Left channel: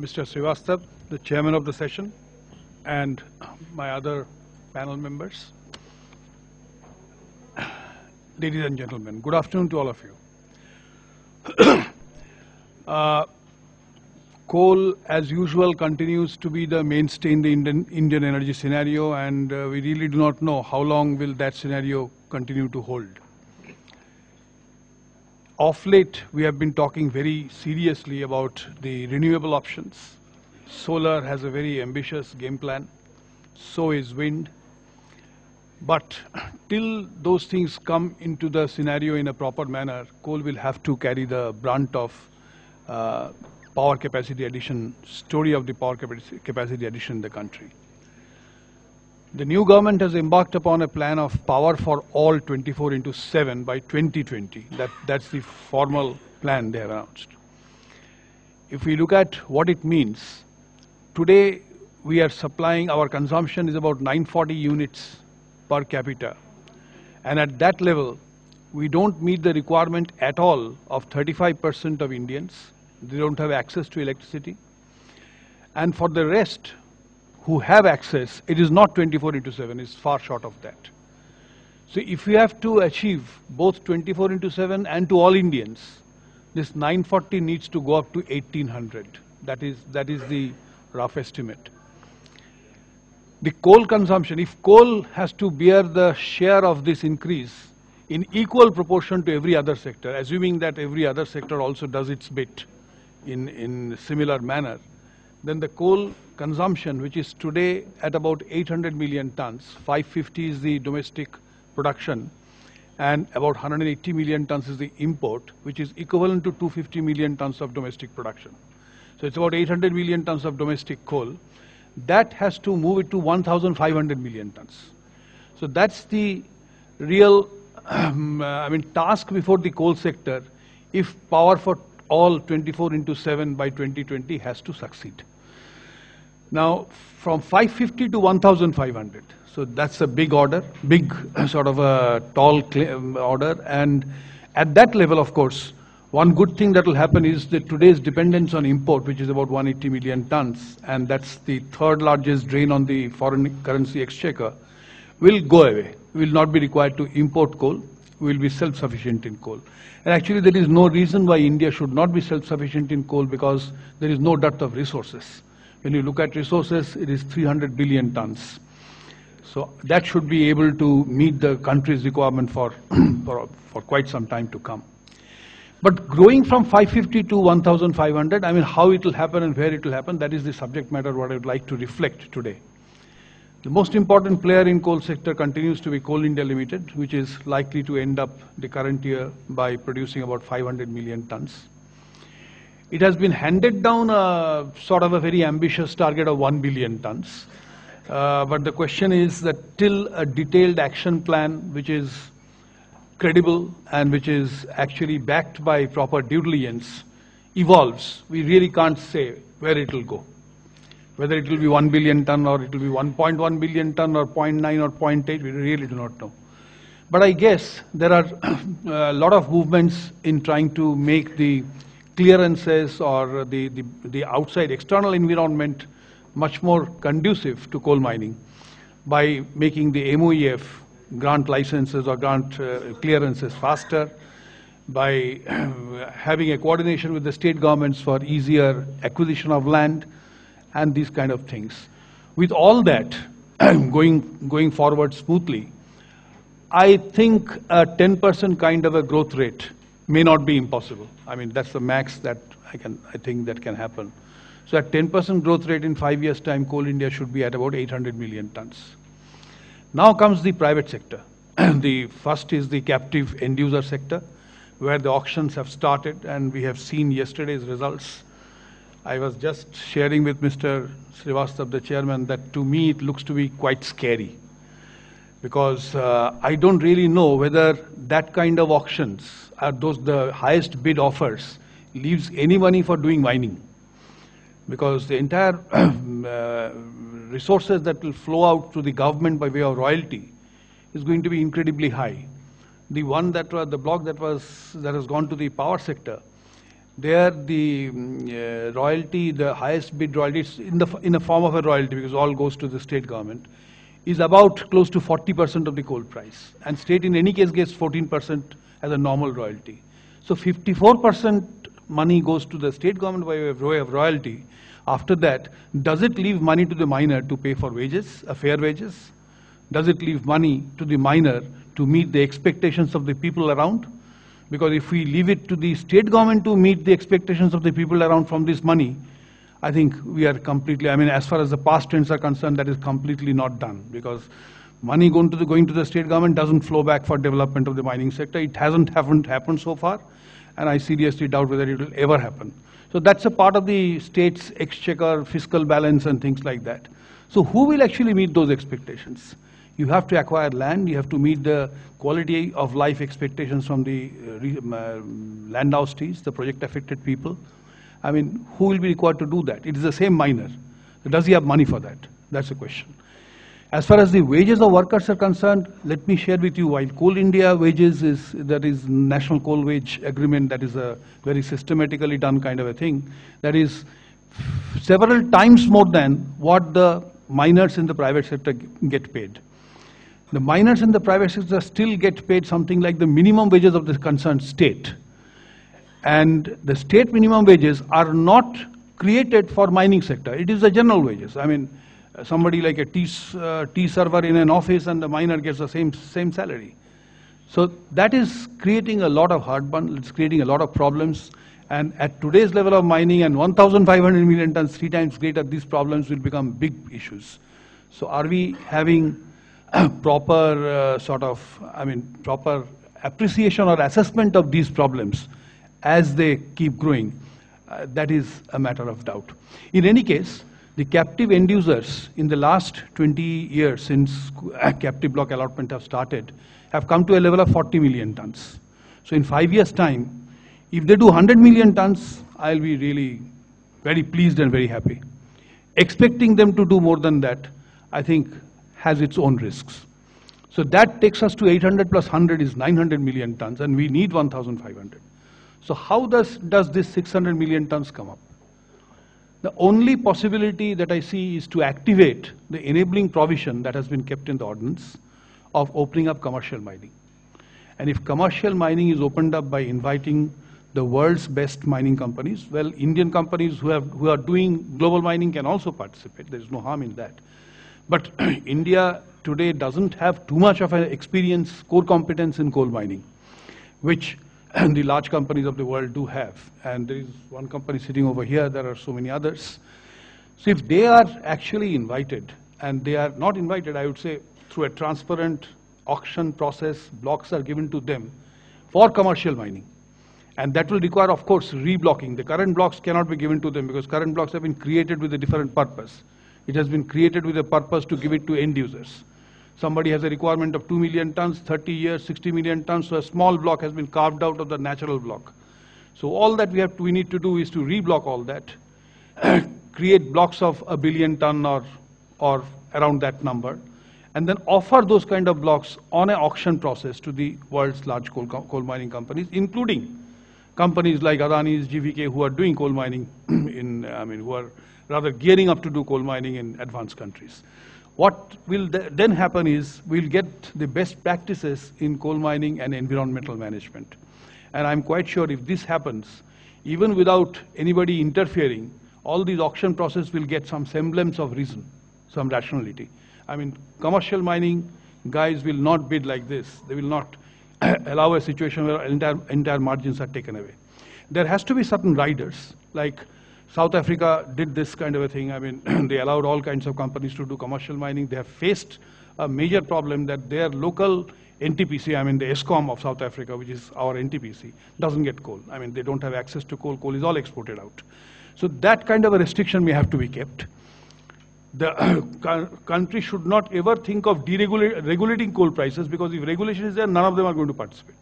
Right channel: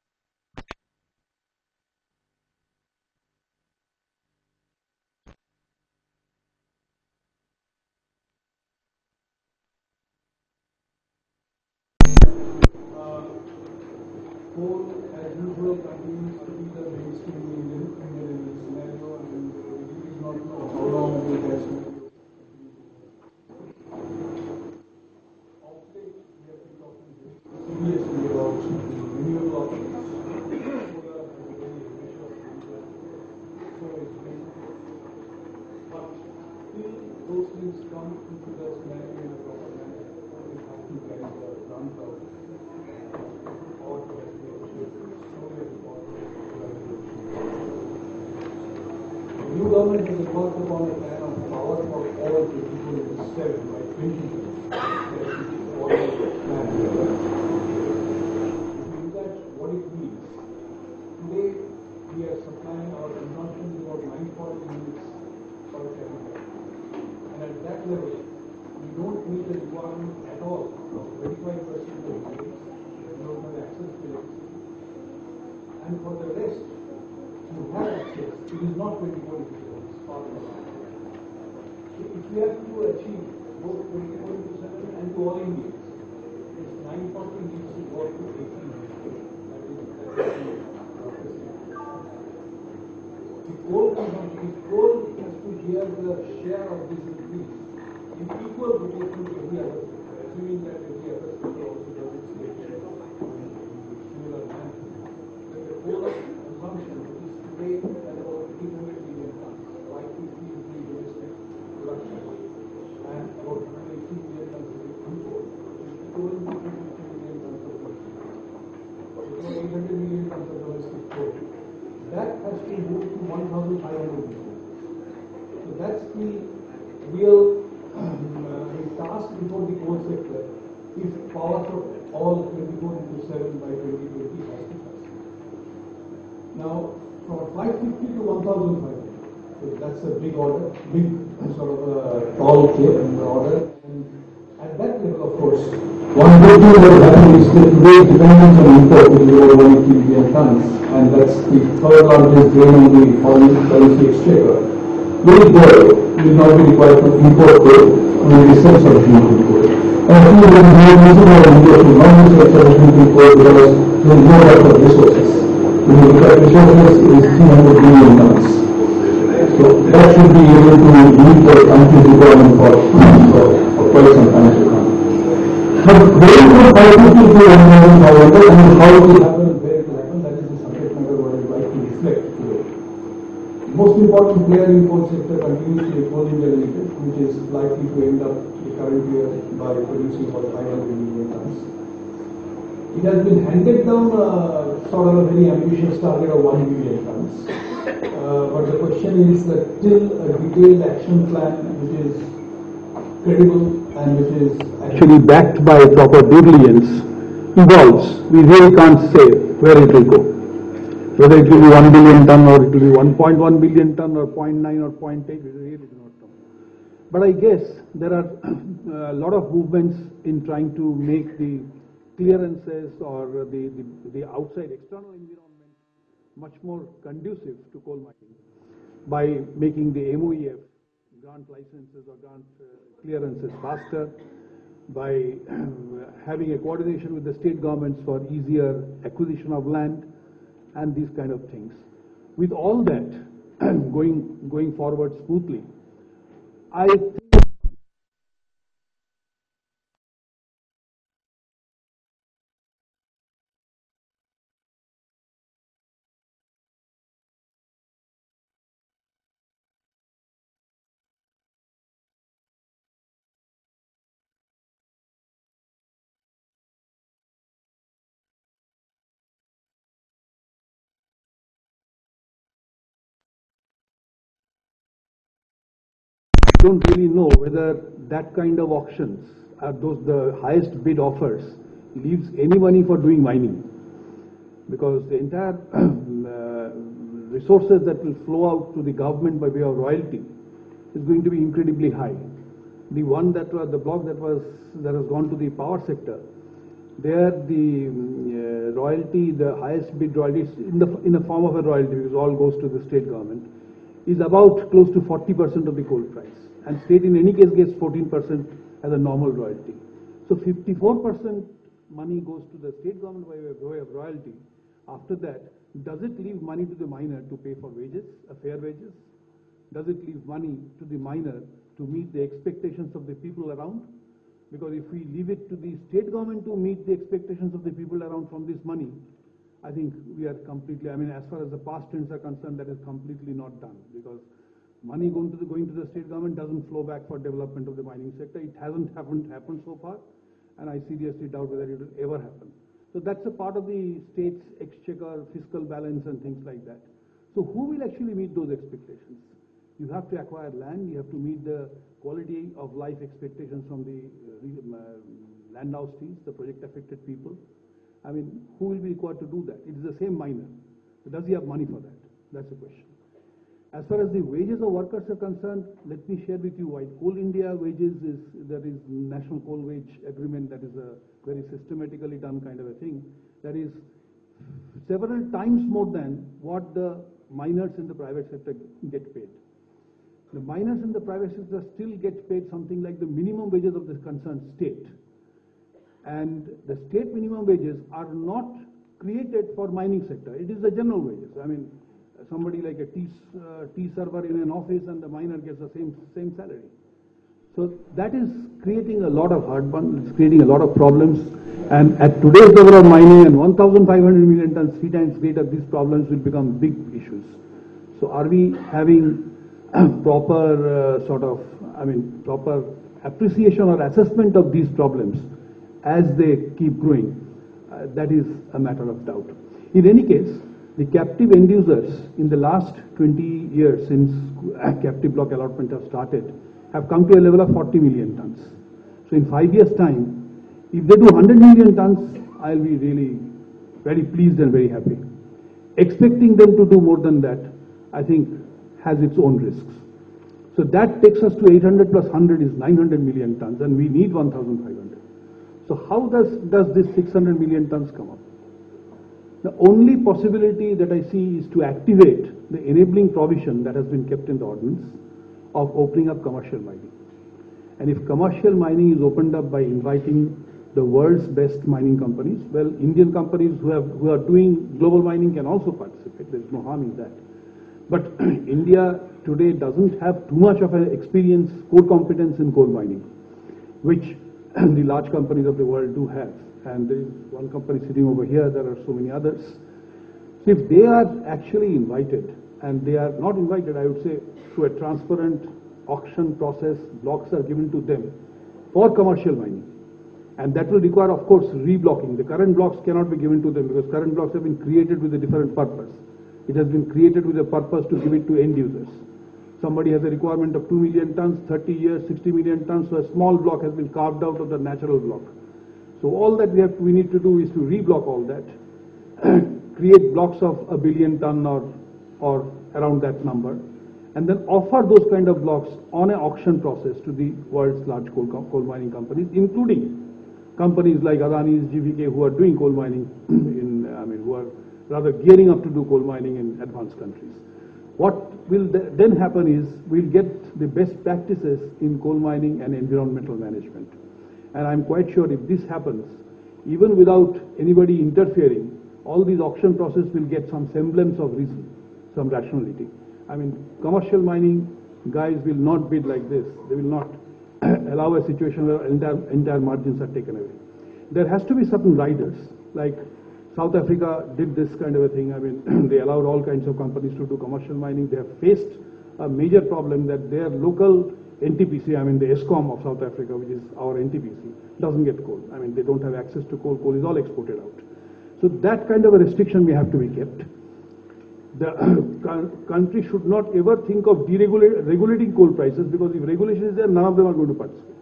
Mr. Srivastava, the chairman of the session, and my other panel members. Ladies and gentlemen, good afternoon to all of you. Coal, as usual, continues to be the mainstay in the Indian energy scenario, and we really do not know how long will that scenario continue to hold. Of late, we have been talking very seriously about the renewable options. Solar has a very ambitious game plan, so is wind. But till those things come into the scenario in a proper manner, coal will have to carry the brunt of power capacity addition, story of the power capacity addition in the country. The new government has embarked upon a plan of power for all 24/7 by 2020. That's the formal plan they have announced. If we look at what it means, today we are supplying, our consumption is about 940 units per capita. And at that level, we don't meet the requirement at all of 35% of Indians. They don't have access to electricity. And for the rest, who have access, it is not 24/7, it's far short of that. So if we have to achieve both 24/7 and to all Indians, this 940 needs to go up to 1800. That is the rough estimate. The coal consumption, if coal has to bear the share of this increase in equal proportion to every other sector, assuming that every other sector also does its bit in similar manner, then the coal consumption, which is today at about 800 million tons, 550 is the domestic production, and about 180 million tons is the import, which is equivalent to 250 million tons of domestic production. So it's about 800 million tons of domestic coal. That has to move it to 1,500 million tons. So that's the real task before the coal sector if power for all 24/7 by 2020 has to succeed. Now, from 550 to 1,500, so that's a big order, big sort of a tall order, and at that level, of course, one good thing that has happened is that today's dependence on import, which is over 180 million tons, and that's the third largest drain on the foreign currency exchequer, will not be required to import coal, will be self-sufficient in coal. And I think there is no reason why India should not be self-sufficient in coal because there is no lack of resources. When you look at resources, it is 300 billion tons. So that should be able to meet the country's requirement for quite some time to come. But going from 550 to 1,500 and how it will happen and where it will happen, that is the subject matter what I would like to reflect today. The most important player in coal sector continues to be Coal India Limited, which is likely to end up the current year by producing about 500 million tons. It has been handed down sort of a very ambitious target of 1 million tons. But the question is that till a detailed action plan, which is credible and which is actually backed by proper due diligence, evolves, we really can't say where it will go. Whether it will be 1 billion ton or it will be 1.1 billion ton or 0.9 or 0.8, we really do not know. But I guess there are a lot of movements in trying to make the clearances or the outside external environment much more conducive to coal mining by making the MOEF grant licenses or grant clearances faster, by having a coordination with the state governments for easier acquisition of land and these kind of things. With all that going forward smoothly, I think a 10% kind of a growth rate may not be impossible. I mean, that's the max that I think that can happen. So at 10% growth rate in 5 years' time, Coal India should be at about 800 million tons. Now comes the private sector. The first is the captive end-user sector, where the auctions have started, and we have seen yesterday's results. I was just sharing with Mr. Srivastava, the chairman, that to me it looks to be quite scary, because I don't really know whether that kind of auctions, the highest bid offers, leaves any money for doing mining, because the entire resources that will flow out to the government by way of royalty is going to be incredibly high. The block that has gone to the power sector, There, the royalty, the highest bid royalty, is in the form of a royalty because all goes to the state government, is about close to 40% of the coal price, and state in any case gets 14% as a normal royalty. So 54% money goes to the state government by way of royalty. After that, does it leave money to the miner to pay for wages, fair wages? Does it leave money to the miner to meet the expectations of the people around? Because if we leave it to the state government to meet the expectations of the people around from this money, I think we are completely, I mean, as far as the past trends are concerned, that is completely not done. Because money going to the state government doesn't flow back for development of the mining sector. It hasn't happened so far, and I seriously doubt whether it will ever happen. So that's a part of the state's exchequer, fiscal balance, and things like that. So who will actually meet those expectations? You have to acquire land, you have to meet the quality of life expectations from the land houses, the project affected people. I mean, who will be required to do that? It is the same miner. Does he have money for that? That's the question. As far as the wages of workers are concerned, let me share with you, while Coal India wages that is National Coal Wage Agreement, that is a very systematically done kind of a thing, that is several times more than what the miners in the private sector get paid. The miners in the private sector still get paid something like the minimum wages of the concerned state. And the state minimum wages are not created for mining sector. It is the general wages. I mean, somebody like a tea server in an office and the miner gets the same salary. So that is creating a lot of heartburn. It's creating a lot of problems. And at today's level of mining and 1,500 million tons, 3 times greater, these problems will become big issues. So are we having proper proper appreciation or assessment of these problems as they keep growing? That is a matter of doubt. In any case, the captive end users in the last 20 years since captive block allotment have started have come to a level of 40 million tons. So in 5 years' time, if they do 100 million tons, I'll be really very pleased and very happy. Expecting them to do more than that, I think, has its own risks. So that takes us to 800 plus 100 is 900 million tons, and we need 1,500. So how does this 600 million tons come up? The only possibility that I see is to activate the enabling provision that has been kept in the ordinance of opening up commercial mining. And if commercial mining is opened up by inviting the world's best mining companies, well, Indian companies who are doing global mining can also participate. There's no harm in that. But India today doesn't have too much of an experience, core competence in coal mining, which the large companies of the world do have. And there is one company sitting over here, there are so many others. So if they are actually invited, and they are not invited, I would say, through a transparent auction process, blocks are given to them for commercial mining. And that will require, of course, reblocking. The current blocks cannot be given to them because current blocks have been created with a different purpose. It has been created with a purpose to give it to end users. Somebody has a requirement of 2 million tons, 30 years, 60 million tons, so a small block has been carved out of the natural block. So all that we need to do is to reblock all that, create blocks of 1 billion ton or around that number, and then offer those kind of blocks on an auction process to the world's large coal mining companies, including companies like Adani's, GVK, who are doing coal mining who are rather gearing up to do coal mining in advanced countries. What will then happen is we'll get the best practices in coal mining and environmental management. And I'm quite sure if this happens, even without anybody interfering, all these auction process will get some semblance of reason, some rationality. I mean, commercial mining guys will not bid like this. They will not allow a situation where entire margins are taken away. There has to be certain riders, like South Africa did this kind of a thing. I mean, they allowed all kinds of companies to do commercial mining. They have faced a major problem that their local NTPC, I mean the ESCOM of South Africa, which is our NTPC, doesn't get coal. I mean, they don't have access to coal. Coal is all exported out. So that kind of a restriction may have to be kept. The country should not ever think of regulating coal prices, because if regulation is there, none of them are going to participate.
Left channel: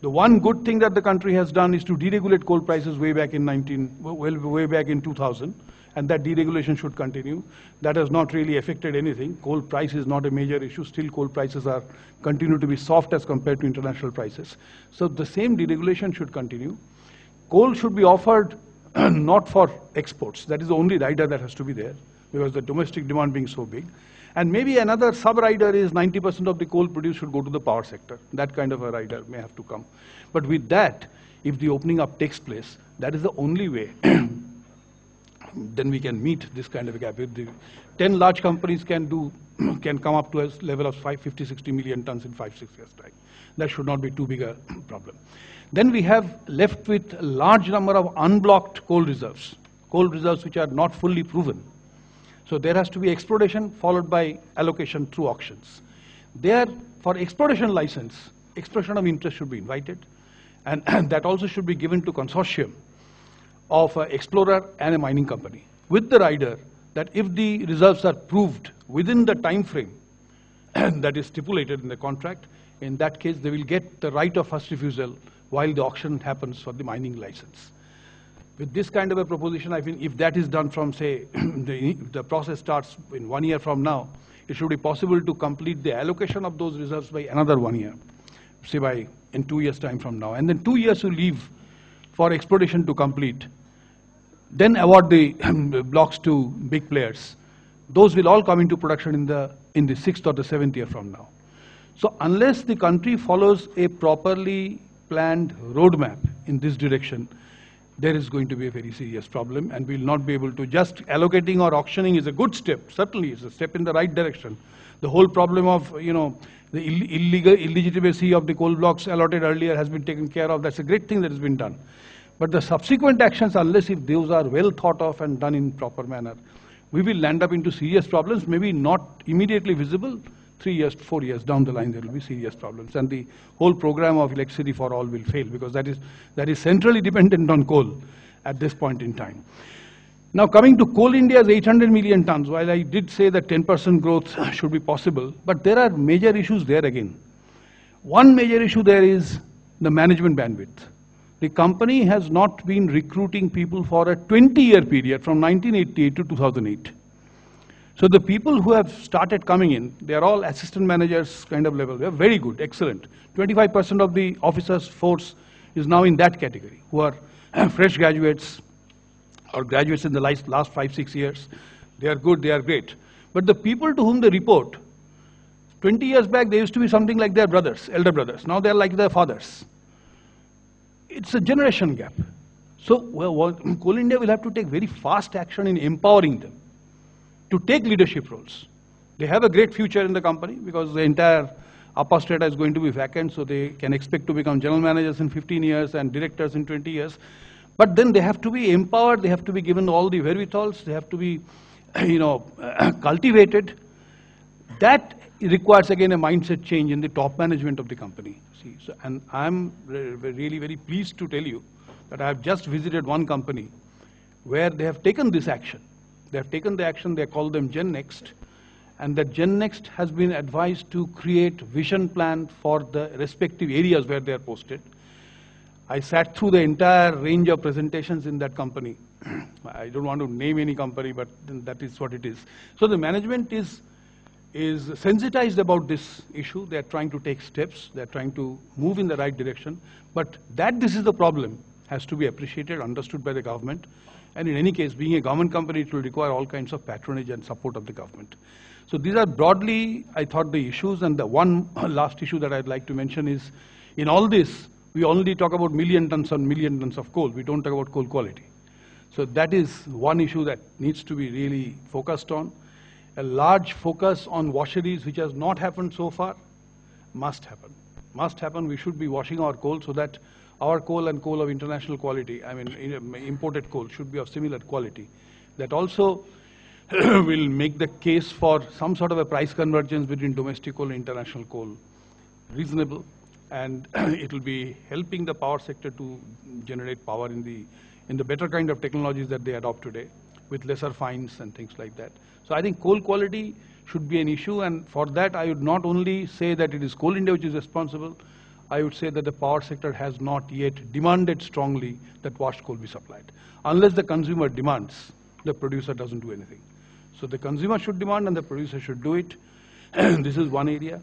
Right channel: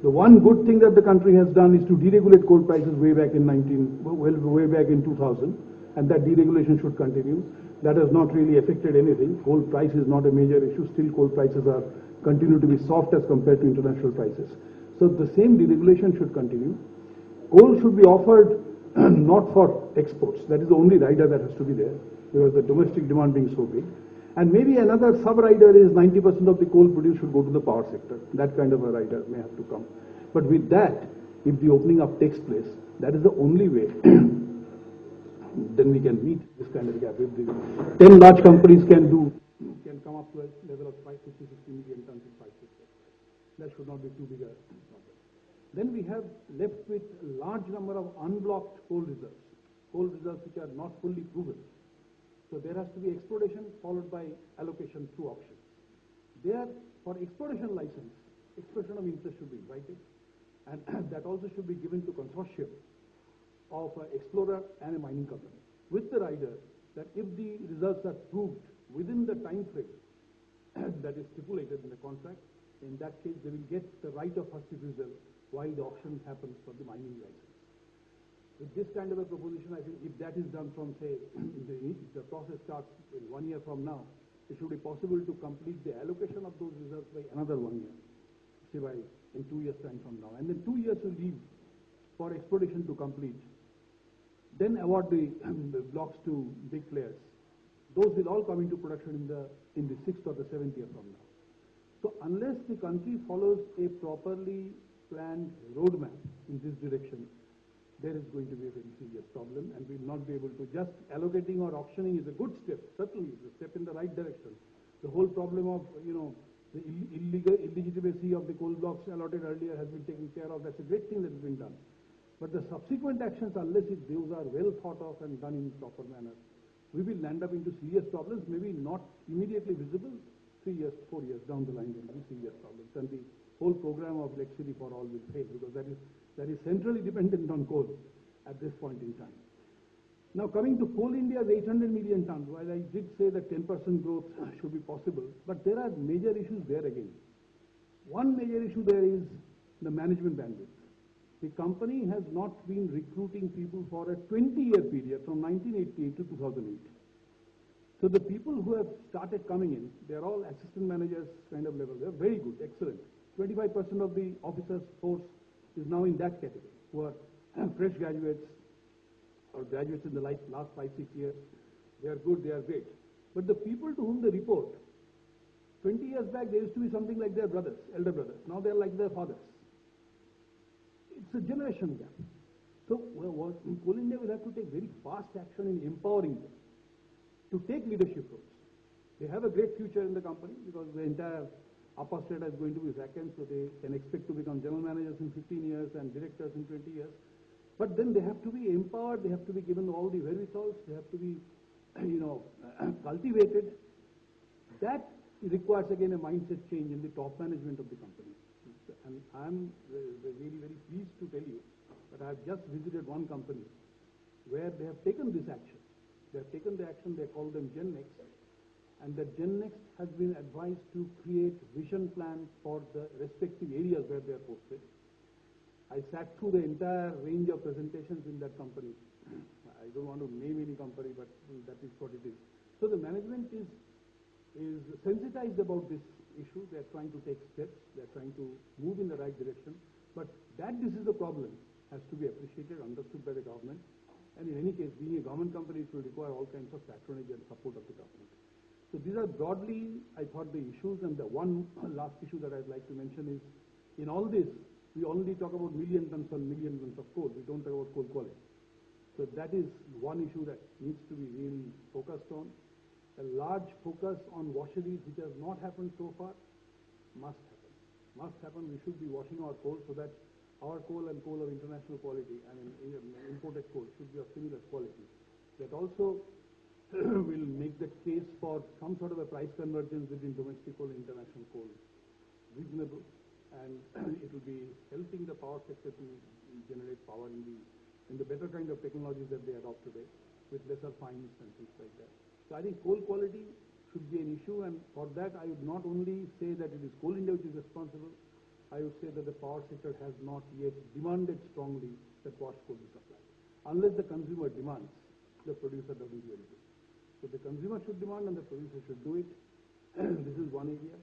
The one good thing that the country has done is to deregulate coal prices way back in 2000, and that deregulation should continue. That has not really affected anything. Coal price is not a major issue. Still, coal prices continue to be soft as compared to international prices. So the same deregulation should continue. coal should be offered not for exports. That is the only rider that has to be there, because the domestic demand being so big. And maybe another sub-rider is 90% of the coal produced should go to the power sector. That kind of a rider may have to come. But with that, if the opening up takes place, that is the only way then we can meet this kind of a gap. If the 10 large companies can come up to a level of 50, 60 million tons in 5-6 years' time. That should not be too big a problem. Then we have left with a large number of unblocked coal reserves which are not fully proven. So there has to be exploration followed by allocation through auctions. There, for exploration license, expression of interest should be invited, and that also should be given to consortium of an explorer and a mining company, with the rider that if the reserves are proved within the time frame that is stipulated in the contract, in that case they will get the right of first refusal while the auction happens for the mining license. With this kind of a proposition, I think if that is done from, say, the process starts in 1 year from now, it should be possible to complete the allocation of those reserves by another 1 year, say in 2 years' time from now. And then 2 years to leave for exploitation to complete. Then award the blocks to big players. Those will all come into production in the 6th or the 7th year from now. So unless the country follows a properly planned roadmap in this direction, there is going to be a very serious problem, and we will not be able to just allocating or auctioning is a good step. Certainly, it's a step in the right direction. The whole problem of, the illegitimacy of the coal blocks allotted earlier has been taken care of. That's a great thing that has been done. But the subsequent actions, unless if those are well thought of and done in proper manner, we will land up into serious problems, maybe not immediately visible. 3 years, 4 years down the line, there will be serious problems. And the whole program of electricity for all will fail, because that is centrally dependent on coal at this point in time. Now coming to Coal India's 800 million tons, while I did say that 10% growth should be possible, but there are major issues there again. One major issue there is the management bandwidth. The company has not been recruiting people for a 20-year period from 1988 to 2008. So the people who have started coming in, they are all assistant managers kind of level. They are very good, excellent. 25% of the officers' force is now in that category, who are fresh graduates or graduates in the last 5-6 years. They are good, they are great. But the people to whom they report, 20 years back, they used to be something like their brothers, elder brothers. Now they are like their fathers. It's a generation gap. So Coal India will have to take very fast action in empowering them to take leadership roles. They have a great future in the company because the entire upper strata is going to be vacant, so they can expect to become general managers in 15 years and directors in 20 years. But then they have to be empowered, they have to be given all the wherewithals, they have to be, cultivated. That requires again a mindset change in the top management of the company. See, so, and I'm really very pleased to tell you that I have just visited one company where they have taken this action. They have taken the action, they call them GenNext, and that GenNext has been advised to create vision plan for the respective areas where they are posted. I sat through the entire range of presentations in that company. I don't want to name any company, but that is what it is. So the management is sensitized about this issue. They are trying to take steps. They are trying to move in the right direction. But that this is the problem has to be appreciated, understood by the government. And in any case, being a government company, it will require all kinds of patronage and support of the government. So these are broadly, I thought, the issues. And the one last issue that I'd like to mention is, in all this, we only talk about million tons of coal. We don't talk about coal quality. So that is one issue that needs to be really focused on. A large focus on washeries, which has not happened so far, must happen. Must happen. We should be washing our coal so that our coal and coal of international quality, imported coal, should be of similar quality. That also will make the case for some sort of a price convergence between domestic coal and international coal reasonable, and it will be helping the power sector to generate power in the better kind of technologies that they adopt today, with lesser fines and things like that. So I think coal quality should be an issue, and for that I would not only say that it is Coal India which is responsible, I would say that the power sector has not yet demanded strongly that washed coal be supplied. Unless the consumer demands, the producer doesn't do anything. So the consumer should demand and the producer should do it. This is one area.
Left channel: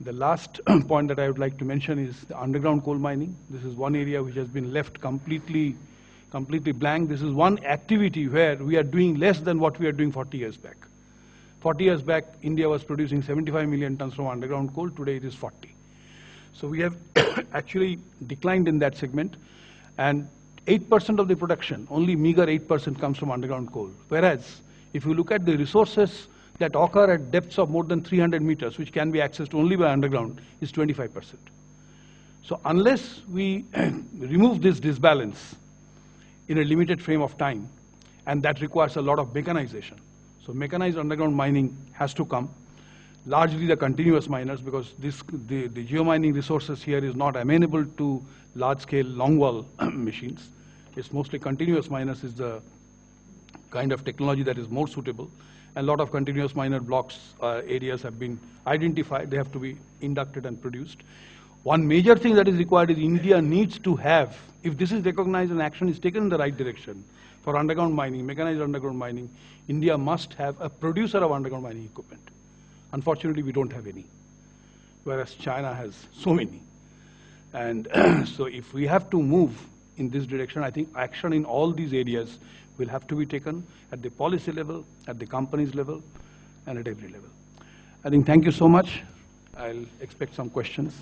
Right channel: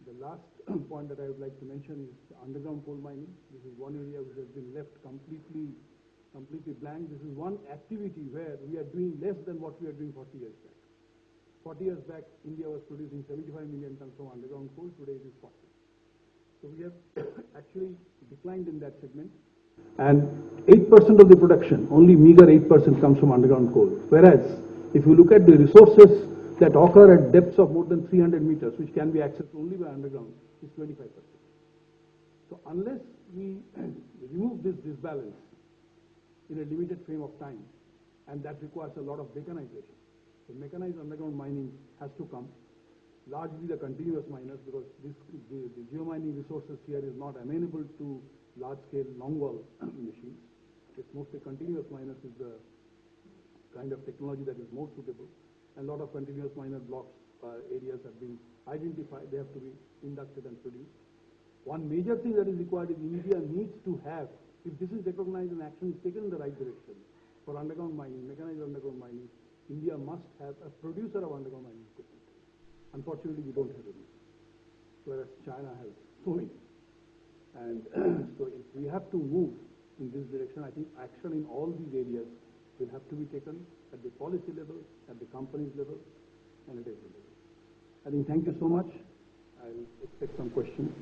The last point that I would like to mention is the underground coal mining. This is one area which has been left completely blank. This is one activity where we are doing less than what we are doing 40 years back. 40 years back, India was producing 75 million tons from underground coal. Today it is 40. So we have actually declined in that segment. And 8% of the production, only meager 8% comes from underground coal. Whereas, if you look at the resources that occur at depths of more than 300 meters, which can be accessed only by underground, is 25%. So unless we remove this disbalance in a limited frame of time, and that requires a lot of mechanization. So mechanized underground mining has to come, largely the continuous miners, because the geomining resources here is not amenable to large-scale longwall machines. It's mostly continuous miners is the kind of technology that is more suitable. And a lot of continuous miner blocks areas have been identified. They have to be inducted and produced. One major thing that is required is India needs to have, if this is recognized and action is taken in the right direction for underground mining, mechanized underground mining, India must have a producer of underground mining equipment. Unfortunately, we don't have any, whereas China has so many. And so if we have to move in this direction, I think action in all these areas will have to be taken at the policy level, at the company's level, and at every level. I think thank you so much. I'll expect some questions.